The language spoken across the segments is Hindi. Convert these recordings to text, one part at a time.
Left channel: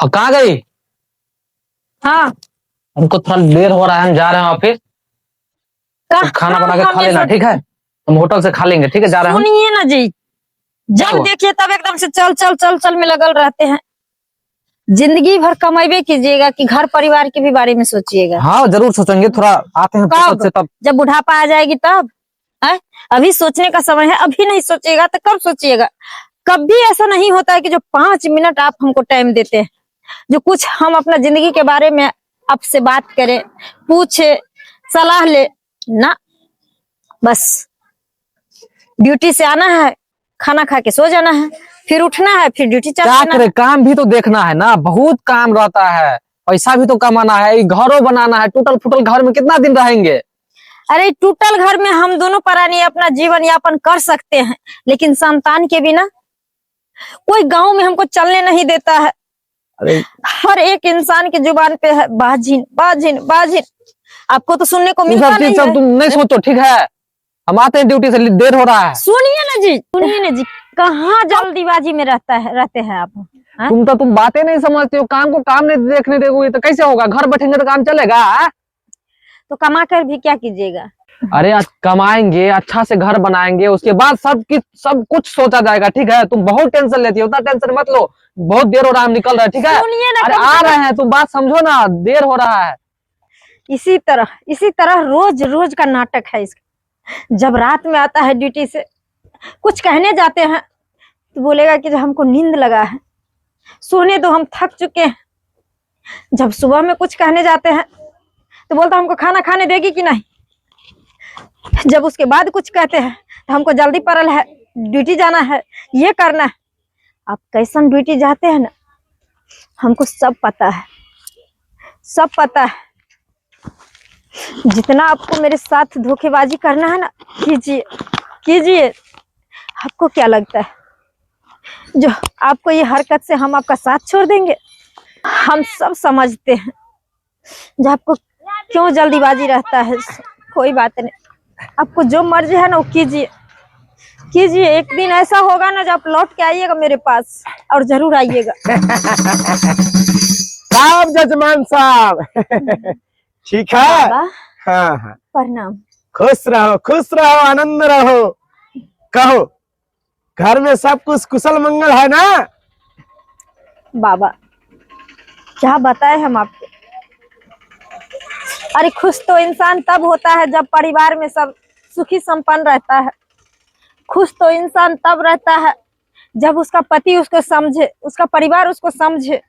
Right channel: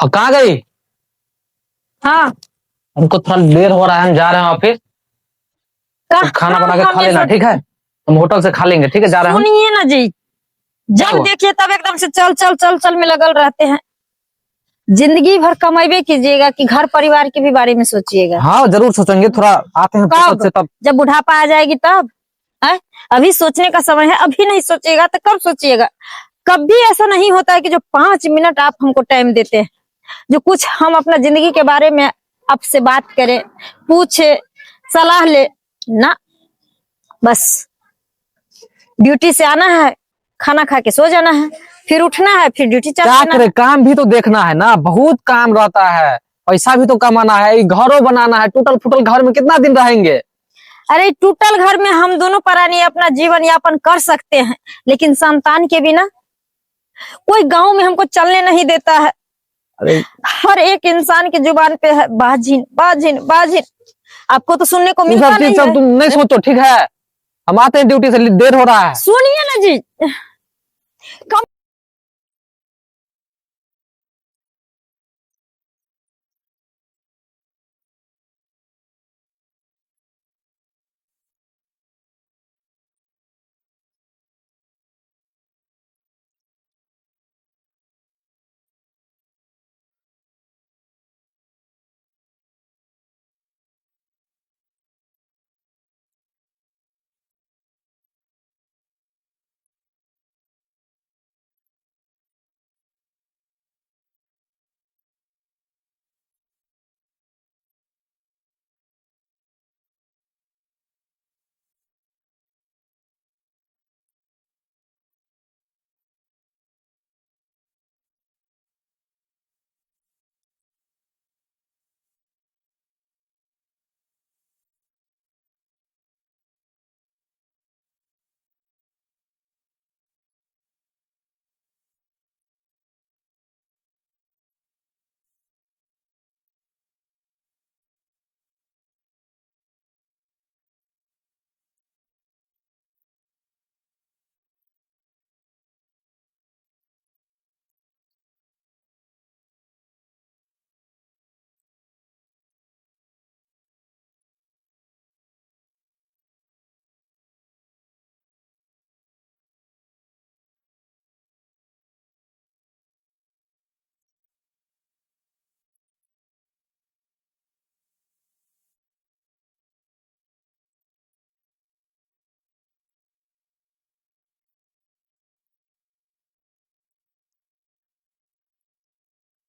हाँ, कहाँ गई? हाँ, हमको थोड़ा देर हो रहा है, हम जा रहे हैं ऑफिस। तुम खाना बना के खा लेना, ठीक है? हम होटल से खा लेंगे, ठीक है? जा रहे हैं हम। सुनिए ना जी, जब हुआ? देखिए तब एकदम से चल चल चल चल में लगल रहते हैं। जिंदगी भर कमाइबे कीजिएगा कि घर परिवार के भी बारे में सोचिएगा। हाँ, जरूर सोचेंगे। थोड़ा आते हैं फुर्सत से तब। जब बुढ़ापा आ जाएगी तब है? अभी सोचने का समय है, अभी नहीं सोचिएगा तो कब सोचिएगा? कभी ऐसा नहीं होता है कि जो 5 मिनट आप हमको टाइम देते हैं, जो कुछ हम अपना जिंदगी के बारे में आपसे बात करें, पूछे, सलाह ले ना। बस ड्यूटी से आना है, खाना खा के सो जाना है, फिर उठना है, फिर ड्यूटी चल क्या जाना करे, है। काम भी तो देखना है ना, बहुत काम रहता है। पैसा भी तो कमाना है, घरों बनाना है। टूटल फूटल घर में कितना दिन रहेंगे? अरे टूटल घर में हम दोनों प्राणी अपना जीवन यापन कर सकते हैं, लेकिन संतान के बिना कोई गांव में हमको चलने नहीं देता है। अरे हर एक इंसान की जुबान पे है बाजिन बाजिन बाजिन। आपको तो सुनने को ये मिलता सब चीज नहीं सब है। तुम नहीं सोचो, ठीक है? हम आते हैं ड्यूटी से, देर हो रहा है। सुनिए ना जी, सुनिए ना जी, कहाँ जल्दीबाजी में रहते हैं आप? हाँ? तुम बातें नहीं समझते हो। काम को काम नहीं देखने दोगे तो कैसे होगा? घर बैठेंगे तो काम चलेगा? तो कमा कर भी क्या कीजिएगा? अरे आज कमाएंगे, अच्छा से घर बनाएंगे, उसके बाद सब कुछ सोचा जाएगा, ठीक है? तुम बहुत टेंशन लेती हो, उतना टेंशन मत लो। बहुत देर हो रहा है, हम निकल रहे हैं, ठीक है? सुनिए ना, अरे कम आ से रहे कम हैं, तुम बात समझो ना, देर हो रहा है। इसी तरह रोज रोज का नाटक है इसका। जब रात में आता है ड्यूटी से, कुछ कहने जाते हैं तो बोलेगा कि हमको नींद लगा है, सोने दो, हम थक चुके हैं। जब सुबह में कुछ कहने जाते हैं तो बोलता हमको खाना खाने देगी कि नहीं। जब उसके बाद कुछ कहते हैं तो हमको जल्दी पड़ल है, ड्यूटी जाना है, ये करना है। आप कैसन ड्यूटी जाते हैं ना, हमको सब पता है, सब पता है। जितना आपको मेरे साथ धोखेबाजी करना है ना, कीजिए कीजिए। आपको क्या लगता है जो आपको ये हरकत से हम आपका साथ छोड़ देंगे? हम सब समझते हैं जो आपको क्यों जल्दीबाजी रहता है। कोई बात नहीं, आपको जो मर्जी है ना वो कीजिए कीजिए। एक दिन ऐसा होगा ना जब आप लौट के आइएगा मेरे पास, और जरूर आइएगा। साहब जजमान साहब ठीक है। बाबा हाँ हाँ, प्रणाम। खुश रहो, आनंद रहो। कहो, घर में सब कुछ कुशल मंगल है ना? बाबा क्या बताए हम आपको। अरे खुश तो इंसान तब होता है जब परिवार में सब सुखी संपन्न रहता है। खुश तो इंसान तब रहता है जब उसका पति उसको समझे, उसका परिवार उसको समझे।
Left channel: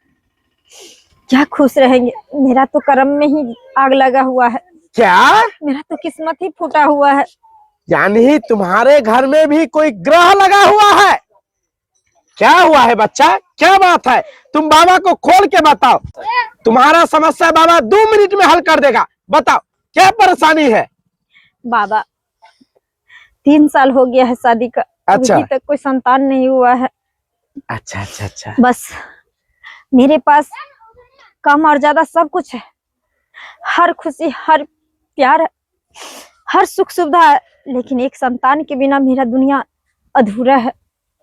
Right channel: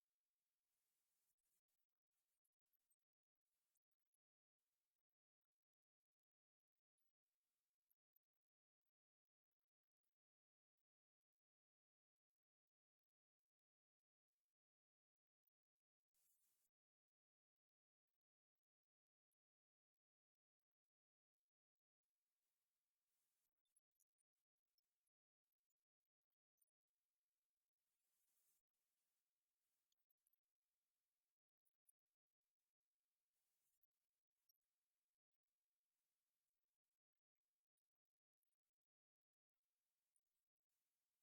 क्या खुश रहेंगे? मेरा तो कर्म में ही आग लगा हुआ है। क्या? मेरा तो किस्मत ही फूटा हुआ है। यानी तुम्हारे घर में भी कोई ग्रह लगा हुआ है? क्या हुआ है बच्चा, क्या बात है? तुम बाबा को खोल के बताओ। तुम्हारा समस्या बाबा 2 मिनट में हल कर देगा। बताओ क्या परेशानी है? बाबा 3 साल हो गया है शादी का, अच्छा। अभी तक कोई संतान नहीं हुआ है। अच्छा अच्छा अच्छा। बस मेरे पास कम और ज्यादा सब कुछ है, हर खुशी, हर प्यार है, हर सुख सुविधा है, लेकिन एक संतान के बिना मेरा दुनिया अधूरा है,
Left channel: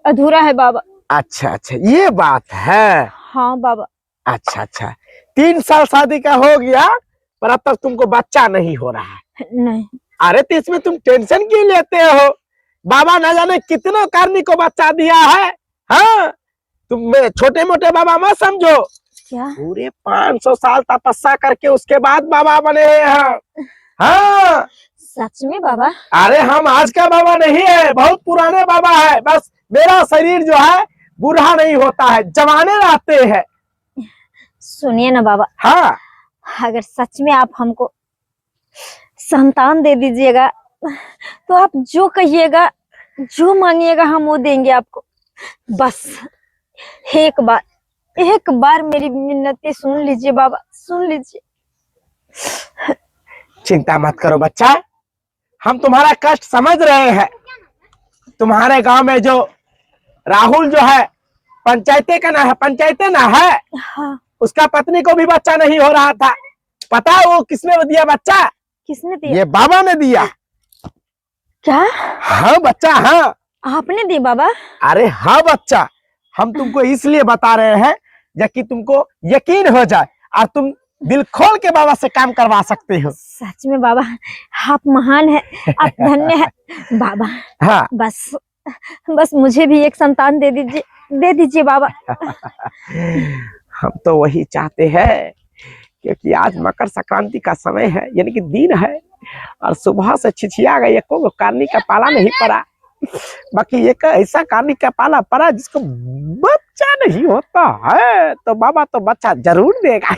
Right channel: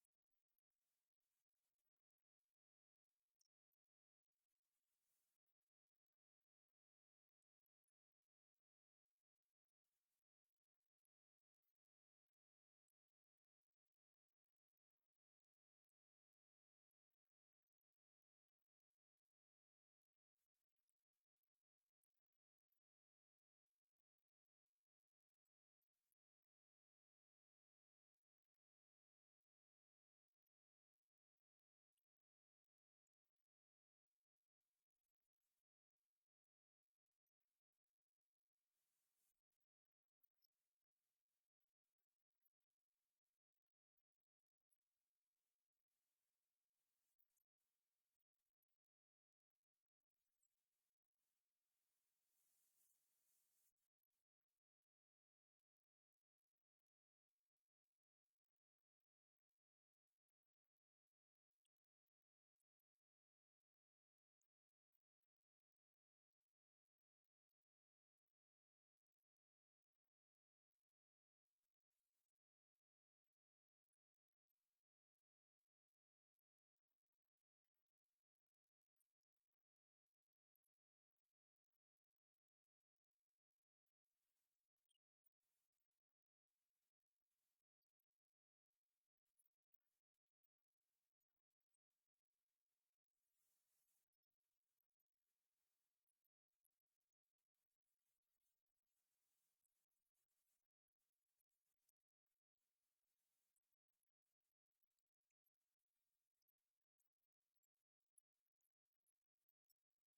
अधूरा है बाबा। अच्छा अच्छा, ये बात है। हाँ बाबा। अच्छा अच्छा, 3 साल शादी का हो गया पर अब तक तुमको बच्चा नहीं हो रहा है। नहीं। अरे तो इसमें तुम टेंशन क्यों लेते हो? बाबा न जाने कितनों कार्मी को बच्चा दिया है। हाँ, तुम छोटे मोटे बाबा मत समझो। क्या? पूरे 500 साल तपस्या करके उसके बाद बाबा बने हैं। हाँ सच में बाबा? अरे हम आज का बाबा नहीं है, बहुत पुराने बाबा है। बस मेरा शरीर जो है बूढ़ा नहीं होता है, जवाने रहते हैं। सुनिए ना बाबा, हाँ, अगर सच में आप हमको संतान दे दीजिएगा तो आप जो कहिएगा, जो मांगिएगा हम वो देंगे आपको। बस एक बार मेरी मिन्नतें सुन लीजिए बाबा, सुन लीजिए। चिंता मत करो बच्चा, हम तुम्हारा कष्ट समझ रहे हैं। तुम्हारे गांव में जो राहुल जो है, पंचायते का ना है, पंचायते ना है। हाँ। उसका पत्नी को भी बच्चा नहीं हो रहा था। पता है वो किसने दिया बच्चा? किसने दिया? ये बाबा ने दिया। क्या? हाँ बच्चा, हाँ। आपने दी बाबा? अरे हाँ बच्चा, हम तुमको इसलिए बता रहे हैं, जबकि तुमको यकीन हो जाए और तुम दिल खोल के बाबा से काम करवा सकते हो। सच में बाबा आप महान है, आप धन्य है बाबा। हाँ बस बस मुझे भी एक संतान दे दीजिए बाबा। हम तो वही चाहते हैं, क्योंकि आज मकर संक्रांति का समय है, यानी कि दिन है, और सुबह से छिछिया गई, एको कार्नी का पाला नहीं पड़ा। बाकी एक ऐसा कार्नी का पाला पड़ा जिसको बच्चा नहीं होता है, तो बाबा तो बच्चा जरूर देगा।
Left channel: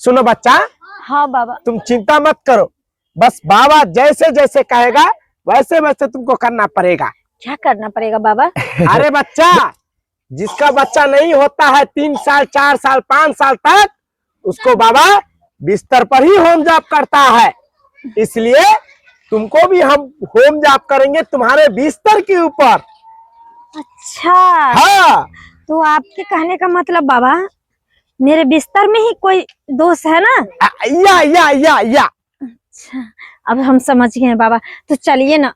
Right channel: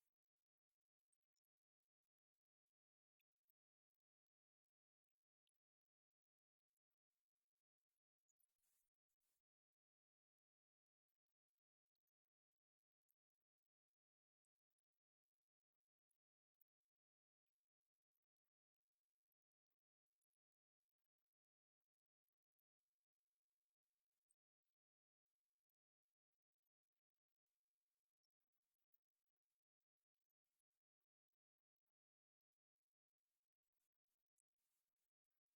सुनो बच्चा, हाँ बाबा। तुम चिंता मत करो, बस बाबा जैसे जैसे कहेगा वैसे वैसे तुमको करना पड़ेगा। क्या करना पड़ेगा बाबा? अरे बच्चा, जिसका बच्चा नहीं होता है 3 साल 4 साल 5 साल तक, उसको बाबा बिस्तर पर ही होम जॉब करता है। इसलिए तुमको भी हम होम जॉब करेंगे तुम्हारे बिस्तर के ऊपर। अच्छा हाँ, तो आपके कहने का मतलब बाबा मेरे बिस्तर में ही कोई दोष है ना? या। अच्छा, अब हम समझ गए हैं बाबा। तो चलिए ना,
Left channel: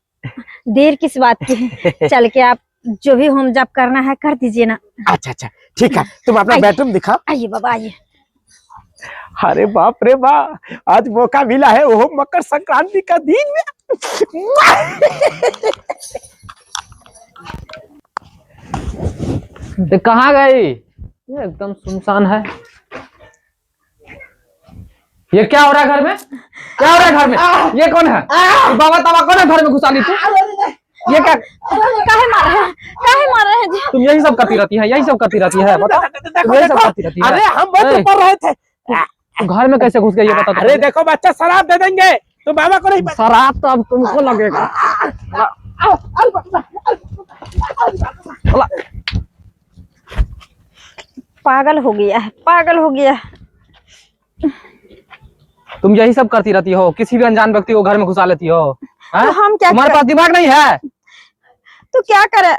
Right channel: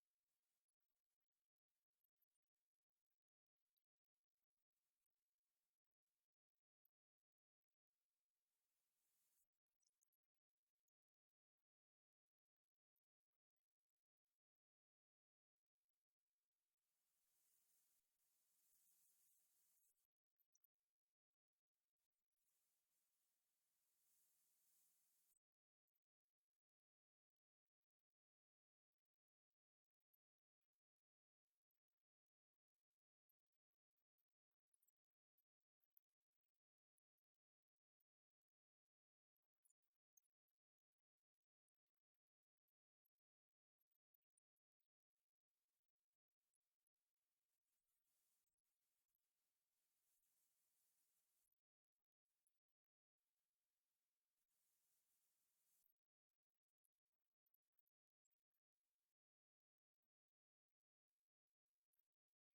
देर किस बात की है, चल के आप जो भी होम जॉब करना है कर दीजिए ना। अच्छा ठीक है, तुम अपना बेडरूम दिखाओ। आइए बाबा आइए। अरे बाप रे बाप, आज मौका मिला है वो मकर संक्रांति का दिन में। कहाँ गई? ये एकदम सुनसान है। ये क्या हो रहा है घर में? क्या हो रहा है घर में? ये कौन है? ये बाबा ताबा कौन है घर में घुसा ली तू? ये क्या? काहे मार रहे हैं जी? तुम यही सब करती रहती है, यही सब करती रहती है, बताओ। तुम यही सब करती रहती है। अरे हम बहुत पढ़ रहे थे। तू घर में कैसे घुस गई ये बता। अरे देखो बच्चा, शराब दे देंगे तो बाबा को नहीं। शराब तो अब तुमको लगेगा। पागल हो गया है, पागल हो गया है। तुम यही सब करती रहती हो, किसी भी अनजान व्यक्ति को घर में घुसा लेती हो। तो हम क्या तुम्हारे पास दिमाग नहीं है? तो क्या करे,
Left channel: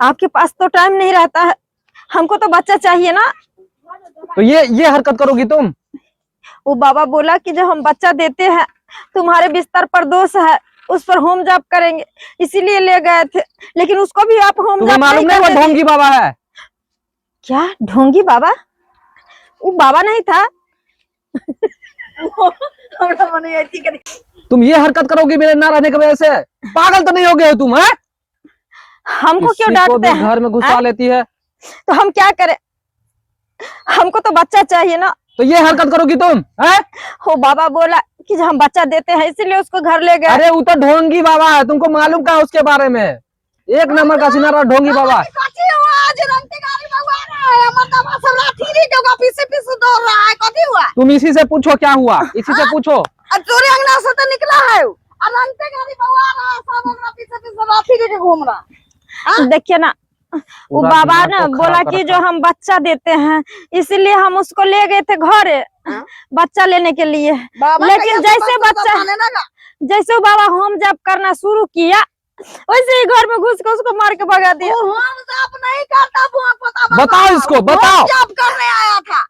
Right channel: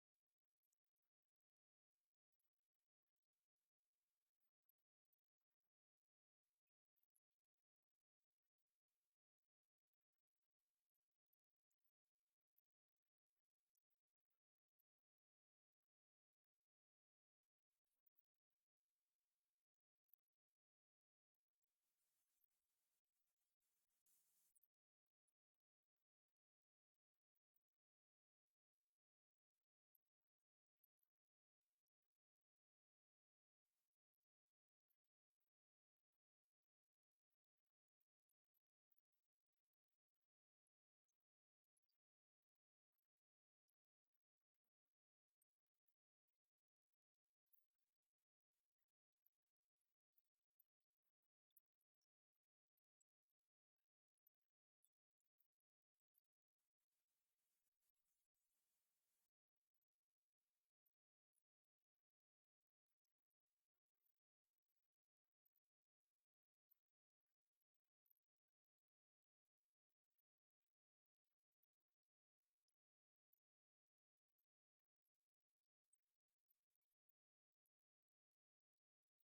आपके पास तो टाइम नहीं रहता है, हमको तो बच्चा चाहिए ना। तो ये हरकत करोगी तुम? वो बाबा बोला कि जब हम बच्चा देते हैं तुम्हारे बिस्तर पर दोष है, उस पर होम जॉब करेंगे, इसीलिए ले गए थे। लेकिन उसको भी आप होम तुम्हें जॉब मालूम नहीं वो ढोंगी बाबा है? क्या ढोंगी बाबा? वो बाबा नहीं था। तुम ये हरकत करोगी मेरे ना रहने की वजह से? पागल तो नहीं हो गए हो तुम? है हमको क्यों डांटते हैं? घर में घुसा लेती है। तो हम क्या करें, हमको तो बच्चा चाहिए ना। तो ये हरकत करोगी तुम? है वो बाबा बोला कि जब हम बच्चा देते हैं इसीलिए उसको घर ले गए। अरे वो तो ढोंगी बाबा है, तुमको मालूम क्या उसके बारे में? एक नंबर का सिनारा ढोंगी बाबा। तुम इसी से पूछो क्या हुआ, इसी से पूछो। चोरी अंगना से तो निकला है घूम रहा। देखिए ना, वो बाबा ना बोला कि जो हम बच्चा देते हैं इसलिए हम उसको ले गए थे घर बच्चा लेने के लिए। लेकिन जैसे वो बाबा होम जॉब करना शुरू किया वैसे ही घर में घुस के उसको मार के भगा दिया। होम जॉब नहीं करता, बताओ इसको, बताओ। जॉब करने आया था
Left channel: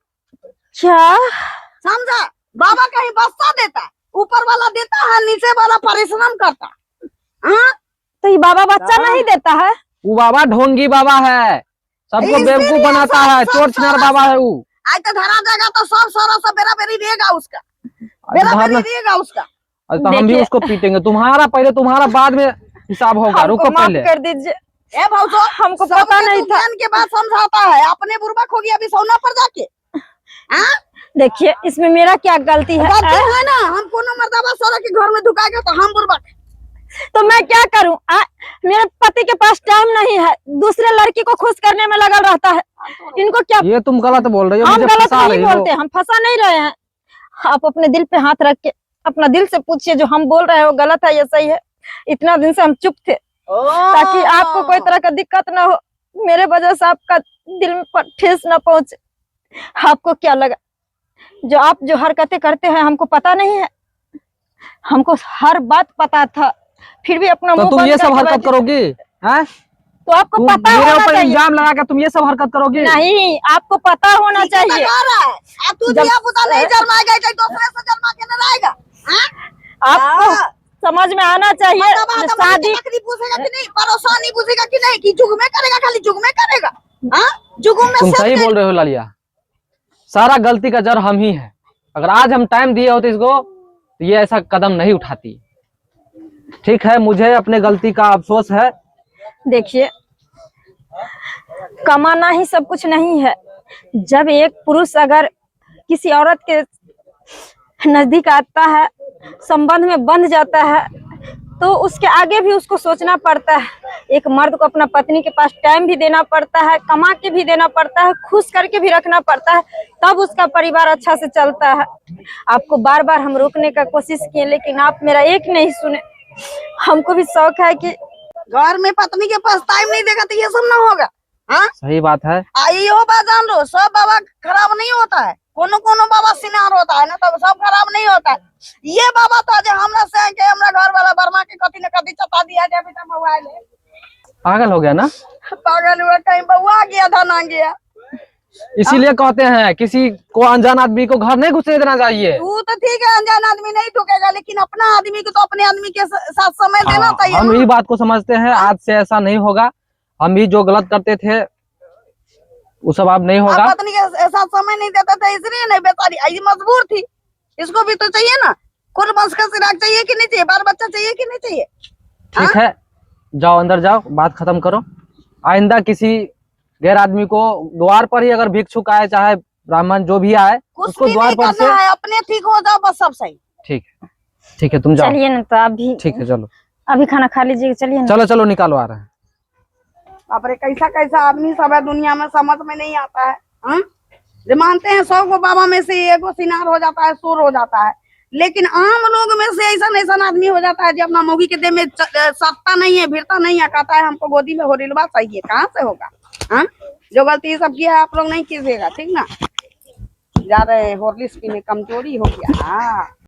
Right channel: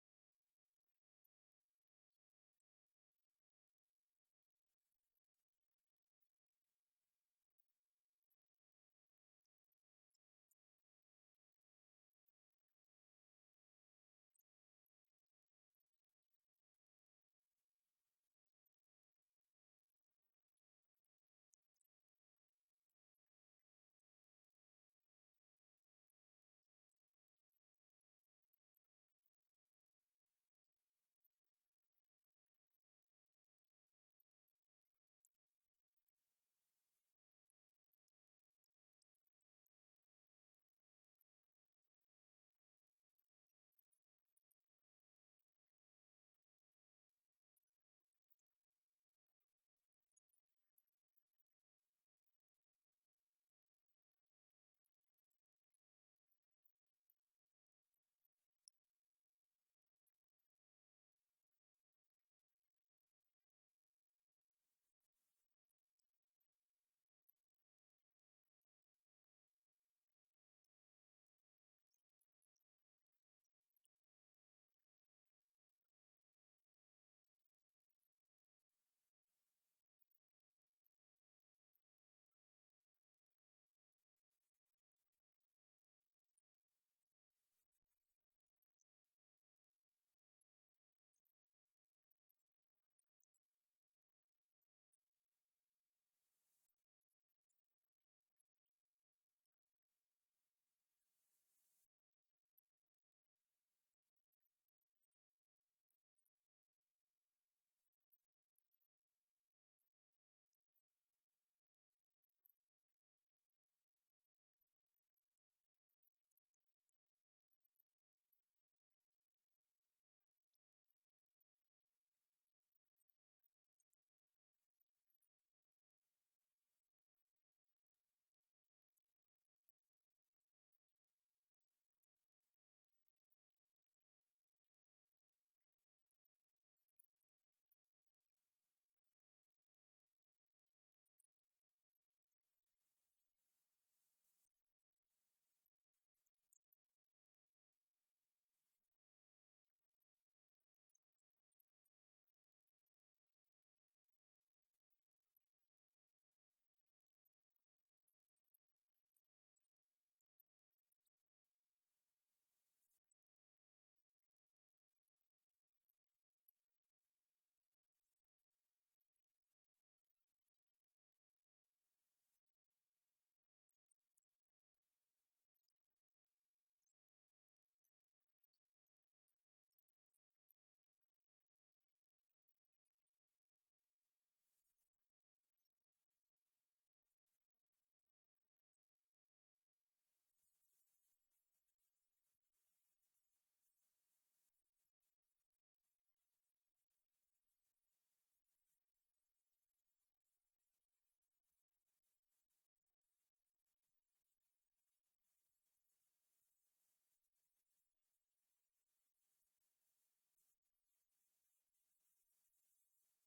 क्या? समझा? बाबा कहीं बच्चा देता है, ऊपर वाला देता है, नीचे वाला परिश्रम करता। तो ये बाबा बच्चा नहीं देता है? वो बाबा ढोंगी बाबा है, सबको बेवकूफ बनाता है, चोर छिनार बाबा है वो। आज तो धरा जाएगा तो सब सारा सब बेरा बेरी देगा उसका, बेरा बेरी देगा उसका। तो हम भी उसको पीटेंगे। तुम्हारा पहले, तुम्हारा बाद में हिसाब होगा। रुको पहले, कर दीजिए। ए भाऊजो, हमको पता नहीं था। के बाद समझाता है, अपने बुर्बक हो गया अभी सोना पर जाके। देखिए इसमें मेरा क्या गलती है? गलती है ना, हम कोनो मर्दाबा सारा के घर में ढुकाएंगे तो हम बुर्बक। तो मैं क्या करूं? मेरे पति के पास टाइम नहीं है, दूसरे लड़की को खुश करने में लगा रहता है। इनको क्या? ये तुम गलत बोल रही हो। हम गलत नहीं बोलते, हम फंसा नहीं रहे हैं। आप अपने दिल पे हाथ रख के अपना दिल से पूछिए, जो हम बोल रहे हैं वो गलत है या सही है। इतना दिन से हम चुप थे ताकि आपको कोई तरह का दिक्कत ना हो, मेरे वजह से आपका दिल पर ठेस ना पहुंचे। आपको क्या लगा जो आप जो हरकतें करते हैं हमको पता नहीं है? हमको हर बात पता था, फिर भी अपना तो तुम ये सब हरकत करोगी? हैं? तो आपको पता होना मेरे ऊपर चाहिए। इल्जाम लगा के तुम ये सब हरकत करोगी? नहीं, आपको पता होना चाहिए। आपको समझ में आना चाहिए। शादी पूछेगा कि नहीं, परेशानी पूछेगा कि नहीं, कि जुग में करेगा, खाली जुग में करेगा। जुगुम में तुम सही सब बोल रहे हो लालिया, सारा गलती का जड़ हम ही है। अगर आज हम टाइम दिए होते इसको तो ये ऐसा कदम नहीं उठाती। ठीक है, मुझे अपने गलती का अफसोस है। देखिए, कमाना ही सब कुछ नहीं है। जब एक पुरुष अगर किसी औरत के नजदीक आता है, संबंध में बंध जाता है, तो उसके आगे भी उसको सोचना पड़ता है। एक मर्द को अपना पत्नी के पास टाइम भी देना पड़ता है, कमा के भी देना पड़ता है, खुश करके भी रखना पड़ता है, तब उसका परिवार अच्छा से चलता है। आपको बार बार हम रोकने का कोशिश किए, लेकिन आप मेरा एक नहीं सुने। हमको भी शौक है कि घर में पत्नी के पास टाइम नहीं देगा तो ये सब ना होगा। हाँ, सही बात है। यो बात जान लो, सब बाबा खराब नहीं होता है, कोनो कोनो बाबा सिनार होता है ना, तब सब खराब नहीं होता है। ये बाबा था जो हमरा से के हमरा घर वाला बर्मा के कथी न कथी चता दिया जब बेटा मोबाइल है। पागल हो गया ना, पागल हुआ, कहीं बउआ गया धना गया। इसीलिए कहते हैं किसी को अनजान आदमी को घर नहीं घुसने देना चाहिए। तू तो ठीक है, अनजान आदमी नहीं ठोकेगा, लेकिन अपना आदमी को तो अपने आदमी के साथ समय देना चाहिए। हम ये बात को समझते हैं, आज से ऐसा नहीं होगा। हम भी जो गलत करते थे वो सब अब नहीं होगा। पत्नी के साथ समय नहीं देता था, इसलिए नहीं, बेचारी आई मजबूर थी। इसको भी तो चाहिए ना, खुद बस का सिराग चाहिए कि नहीं चाहिए, बाल बच्चा चाहिए कि नहीं चाहिए। ठीक है, जाओ अंदर जाओ, बात खत्म करो। आइंदा किसी गैर आदमी को द्वार पर ही अगर भिक्षुक आए, चाहे ब्राह्मण जो भी आए, कुछ उसको भी द्वार नहीं पर से। करना है, अपने ठीक हो जाओ बस, सब सही। ठीक है, ठीक है, तुम जाओ। चलिए ना, तो अभी ठीक है, चलो अभी खाना खा लीजिए, चलिए ना। चलो चलो, निकालो, आ रहे हैं। बापरे, कैसा कैसा आदमी सब है दुनिया में, समझ में नहीं आता है। हाँ? जो मानते हैं 100 को बाबा में से एगो सिनार हो जाता है, सुर हो जाता है, लेकिन आम लोग में से ऐसा आदमी हो जाता है जो अपना मौगी के देह में सत्ता नहीं है, भिड़ता नहीं है, कहता है हमको गोदी में होरिलवा चाहिए। कहाँ से होगा। हाँ, जो गलती सब किया है आप लोग नहीं कीजिएगा, ठीक ना। जा रहे हैं होर्लिक्स पीने, कमजोरी हो गया। हाँ।